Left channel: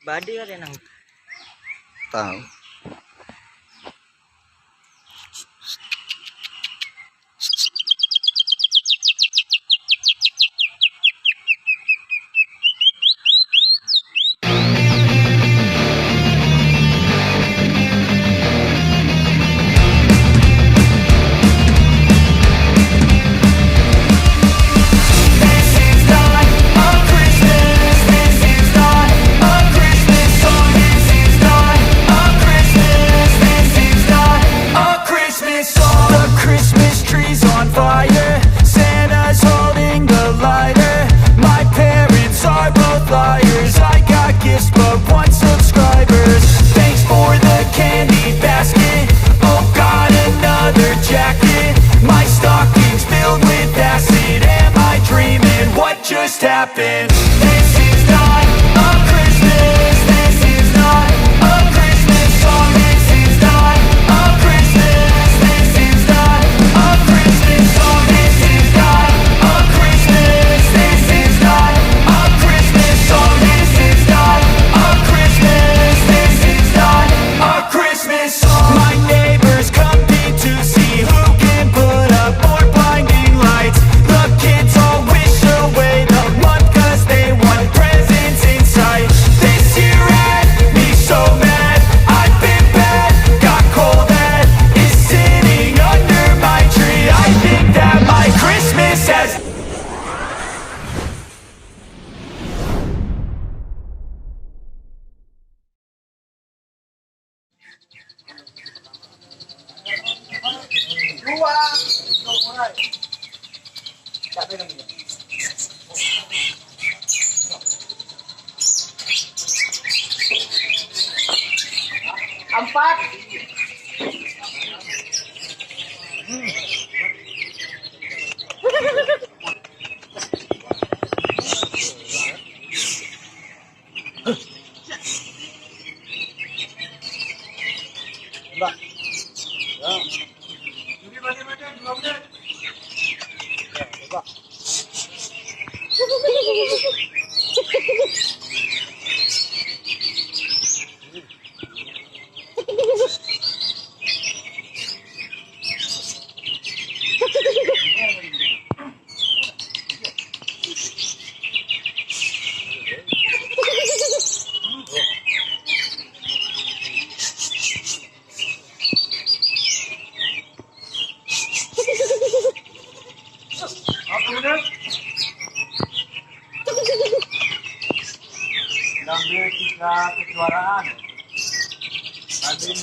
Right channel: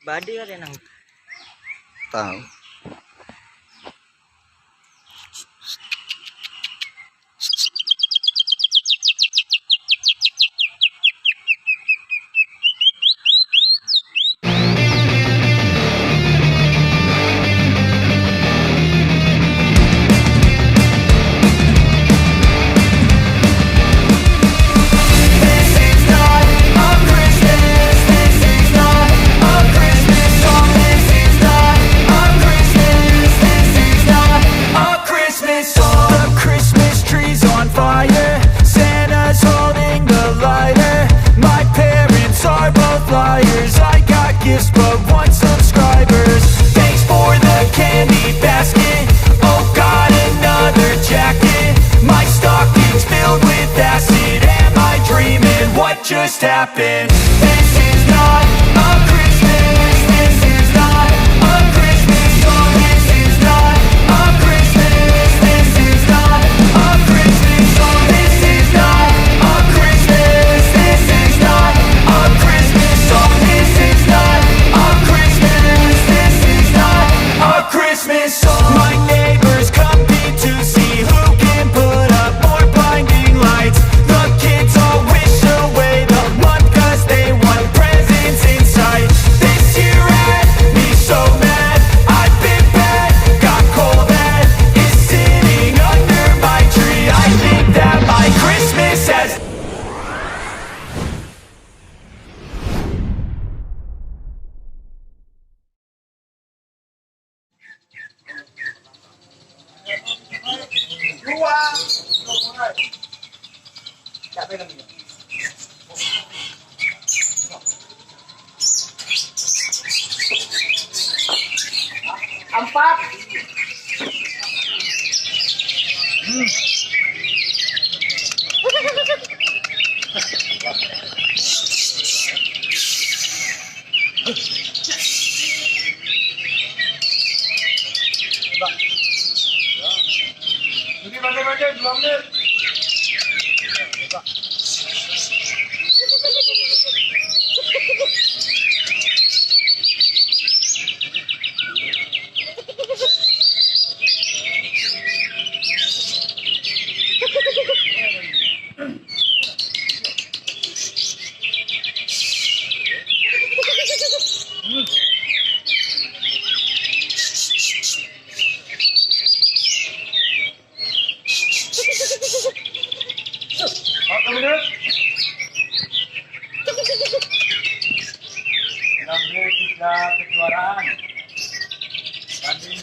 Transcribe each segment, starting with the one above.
Body ka rin ang Tahu. Just happened. This is not a Christmas. This is not a Christmas song. This is not a Christmas. This is not a Christmas song. This is not a Christmas. This is not a Christmas song. This is not a Christmas. This is not a Christmas song. My neighbors compete to see who can put up more blinding lights. The kids all wish away the month 'cause they want presents in sight. This year had me so mad, I've been bad, got coal that is sitting under my tree. I think that my Christmas has Empat. Ini baca-baca belum nih. Ambil 3 kejuaraan. Tanding.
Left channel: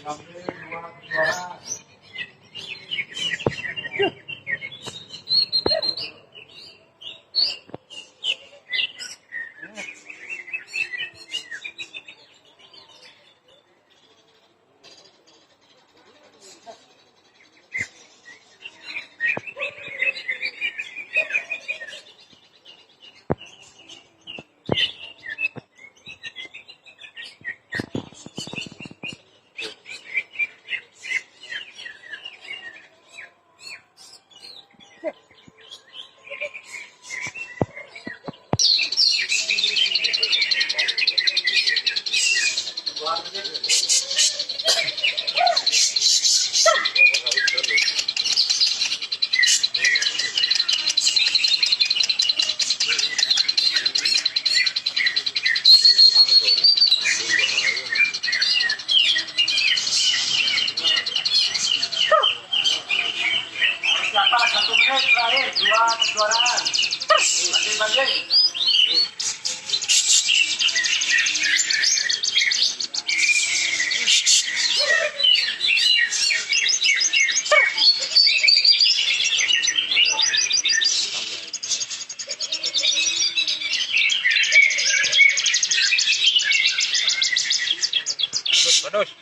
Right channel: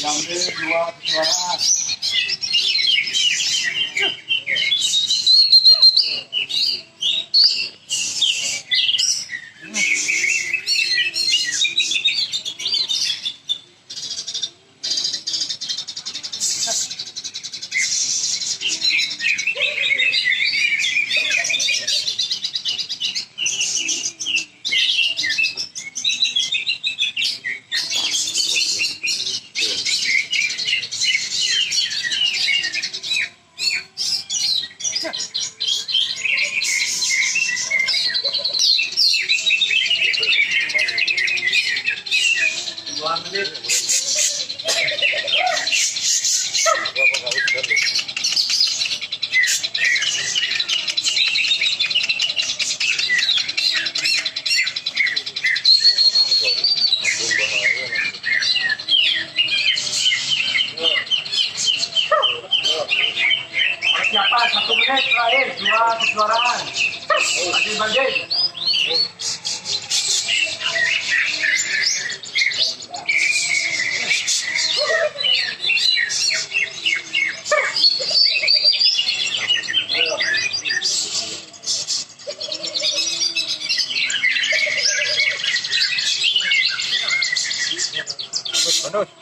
Diambil 2 kejuaraan. Persiapan 1 menit terakhir, 2 kejuaraan. Banding-banding. Bonus.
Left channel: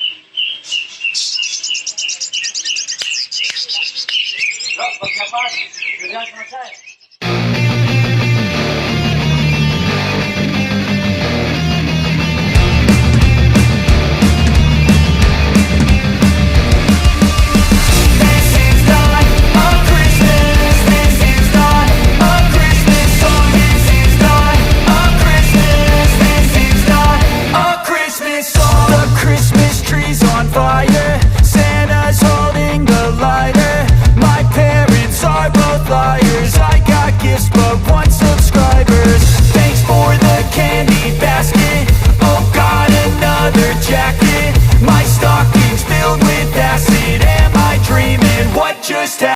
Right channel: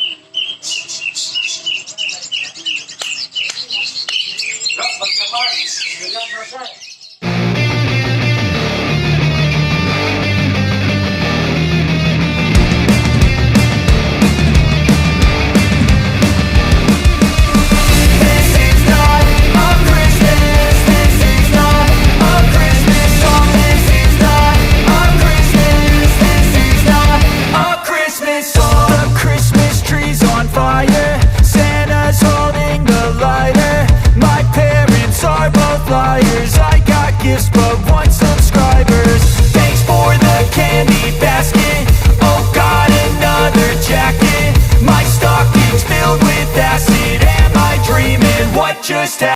Persiapan, sudah selesai.